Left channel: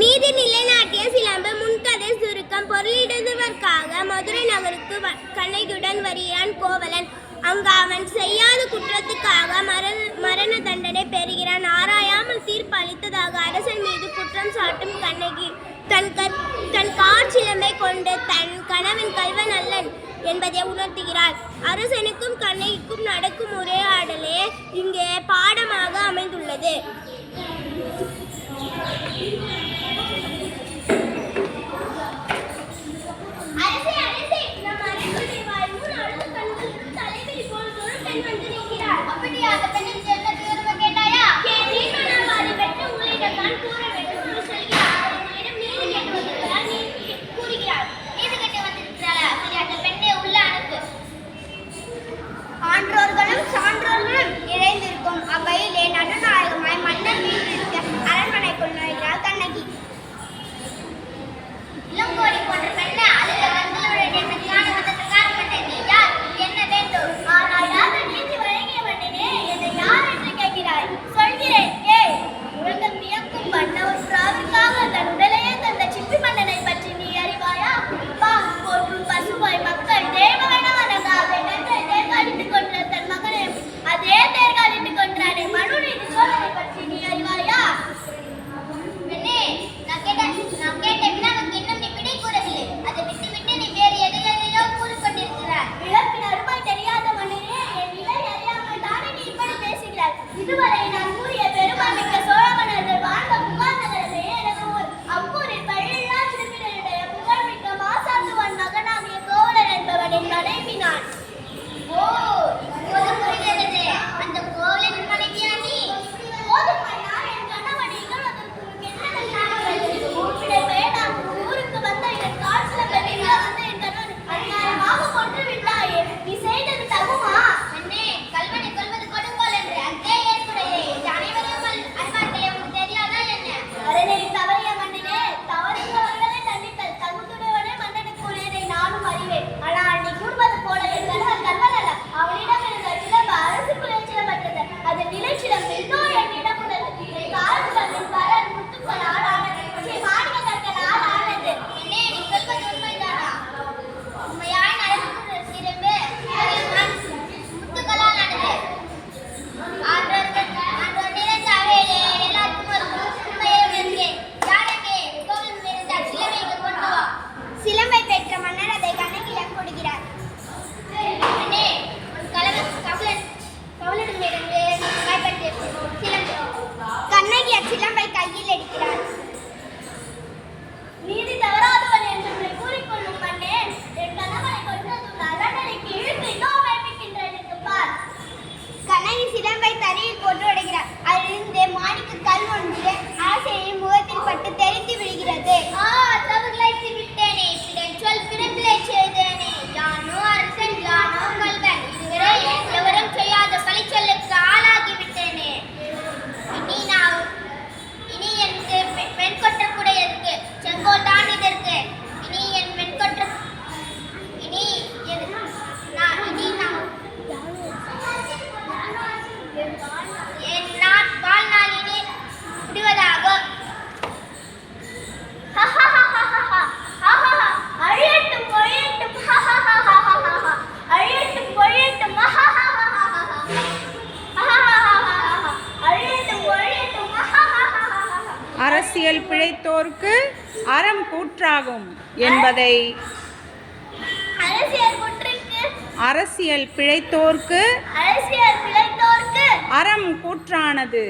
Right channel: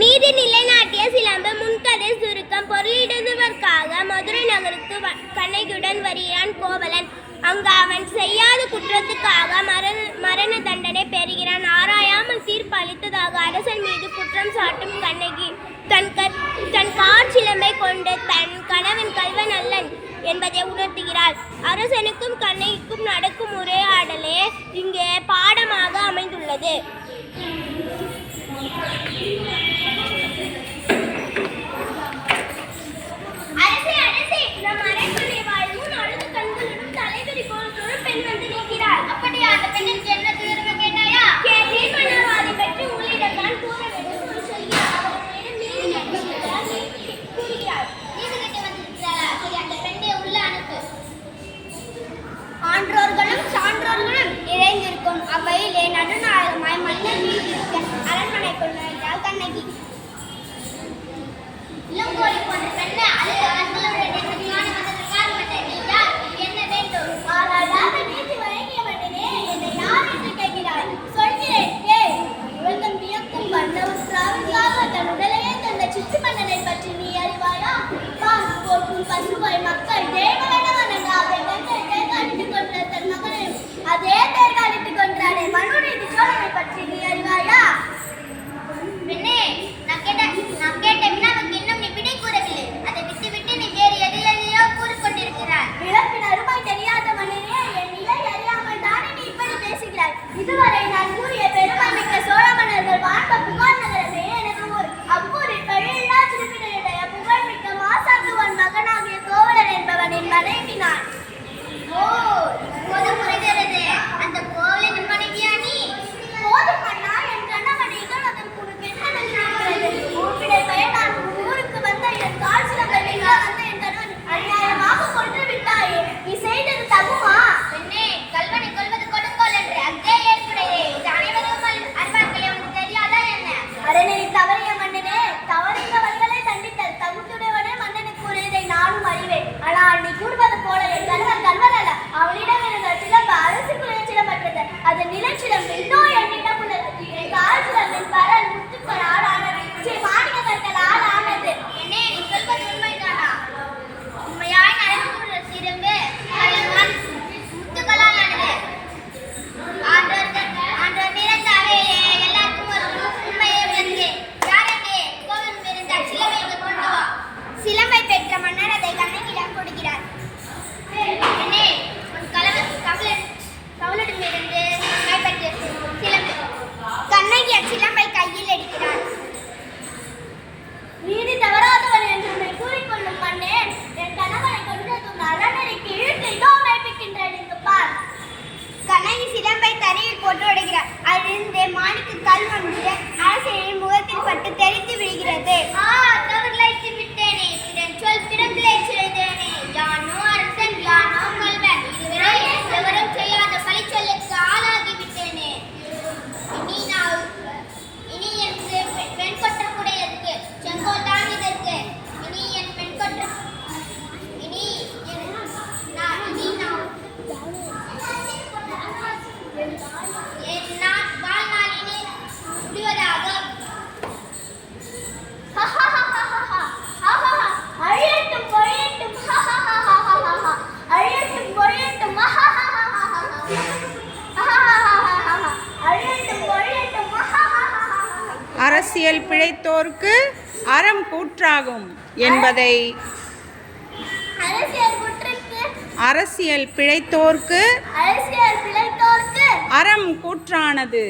நீதி நிலைநாட்டிய சிலம்பு முன்கதை சுருக்கம். பொருளிடுவதற்காக மதுரை நகருக்கு கண்ணகியுடன் வருகிறான் கோவலன். அங்கு அவன் செய்யாத குற்றத்துக்காக மரண தண்டனை பெறுகிறான். ஆராயாமல் தீர்ப்பு அளித்ததாக அரசன் மீது குற்றம் சாட்டும் கண்ணகி தன் காற்சிலம்பை கொண்டு தன் கணவன் கள்வன் அல்லன் என்பதை உணர்த்துகிறாள். அரசனுக்கும் கண்ணகிக்கும் நடக்கும் உரையாடலே இங்கே பாடமாக அமைந்துள்ளது. ஆன்றோர்களும் சான்றோர்களும் நிறைந்திருக்கும் அவையிலே நடுநாயகமாய் மன்னர் வீட்டிற்கு அரண்மனைக்குள் நுழைகிறாள் கண்ணகி. இளங்கோடி போன்ற பெண்ணை அழுத கண்களுடன் என்னை காண வந்ததற்காக மன்னனே யார், என்ன வேண்டும்? ஆனால் நீதி வழங்கிய மன்னனே, என்னை யார் என்று கேட்கிறாய்? சொல்கிறேன் கேள். உலகம் வியக்கும் வண்ணவர் பிராவியாக தன் உடலையே தந்த சிற்று மன்னனை பற்றி நீ அறிவாயா? பால் போற்றும் பசுவாய் மக்கள் தேவகனாக தேர்காலிட்டு கொன்ற தன் மகனை அதே தேர்காலிட்டு கொன்றாரே மனுநீதி சோழனை பற்றி நீ அறிவாயா? பெண்ணே, நான் கேட்ட வினாவுக்கு இன்னும் நீ விடை கூறவில்லை. அதை விட்டுவிட்டு நீ வேறு எதையோ கூறிக்கொண்டிருக்கிறாய். இழப்பின் அருமை தெரியாத மன்னனே, என் நிலை அறியாமல் தானே நீ இப்படி பேசுகிறாய். இதுவரை நான் கூறிய பெருமைமிக்க சோழ மன்னர்கள் வாழ்ந்த புகார் நகரமே எனக்கு ஊர். அப்பூரில் பழியில்லா சிறுபினருடைய புகழ்மிக்க மாசாத்துவான் மகனாகிய கோவலன் என்பவனின் மனைவி நான். ஓ, இப்போது புரிகிறது. அந்த கோவலனின் மனைவியா நீ? போதும் அண்ணா, என் கணவன் இகழ்வதற்கு உனக்கு என்ன இருக்கிறது? உன்னுடைய பெயர் நான் ஊருக்கு வந்த என் காட்சியில் வந்த என் கணவன் அநியாயமாக கொன்று விட்டாயே, நீ செய்தது தகுமா? பெண்ணே, கல்வனை கொள்வது கொடுங்கோல் என்று அங்கே ஏற்புடையே. இது அனைவரும் அறிவார்கள், உனக்கு தெரியாதா என்ன? அறநெறி தவறிய மன்னனே, தவறுகிறவர்களை தண்டித்தல் தகுந்துடையவனே மன்னனுக்கு உரியதை நானும் அறிவேன். ஆனால் நீ கூறுவது போல என் கணவன் கல்வன் அல்ல. அவனிடம் இருந்த சிலம்பு அரசுக்குரிய சிலம்பற்றது. அது நிலைச்சிலம்பு. இதோ என்னிடம் உள்ளது. என் கால்சிலம்பின் பலன் முத்துக்களால் ஆனது, மாணிக்க கற்களால் ஆனது. என்னே, நீ சொல்வது உண்மைதானா? உண்மையாய் நடக்கிற சிலம்பு முத்துக்களால் ஆனது. ஆண்டோர் நிறைந்த அவையிலே எல்லாருக்கும் ஒரு உண்மையை உணர்கிறேன். யாரெங்கே கோவலன் இருந்தால் சிலம்பை கொண்டு வா. சிலம்பை பெற்ற மன்னர் அதை கண்ணகியிடம் கொடுக்கிறார். என்னே, உன் கவலனிடமிருந்து கைப்பற்று சிலம்பு. கண்ணகி அச்சிலம்பை கையில் எடுக்கிறார். நீதி தவறாதவன் என்று உன்னை கூறிக்கொள்ளும் மன்னே, என் கணவனை கொன்றதும் அறநெறிக்கு இழுத்து இதோ மைப்பிக்கின்றேன் என்று பார். கண்ணகி சிலம்பை தரையில் போட்டு உடைக்கிறார். அதிலிருந்து மாணிக்க கல் ஒன்று அரசியலின் முகத்தில் பட்டு தெரித்து விடுகிறது. தவறிழைத்து விட்டேனே, சொல் திறந்திலை செய்தேனே. யானோ அரசன், யானோ கல்வன், இதுவரை எவரும் செய்யாத பழி சொல்லுக்கு ஆளாகி விட்டேனே. இனி என்று வெண்கொற்றக்குடையதற்கு செங்கோல்தான் இதற்கு. இனி என் வெண்கொற்ற இனி என் வாழ்நாள் இனி முடிவதாகும். அழியட்டும் பொழியட்டும், அழியட்டும் பொழியட்டும், அழியட்டும் பொழியட்டும். அரசியல் பிழைத்தோர்க்கு அறம் கூற்றாகும் என்பதை அரசியல் பிழைத்தோர்க்கு அறம் கூற்றானது.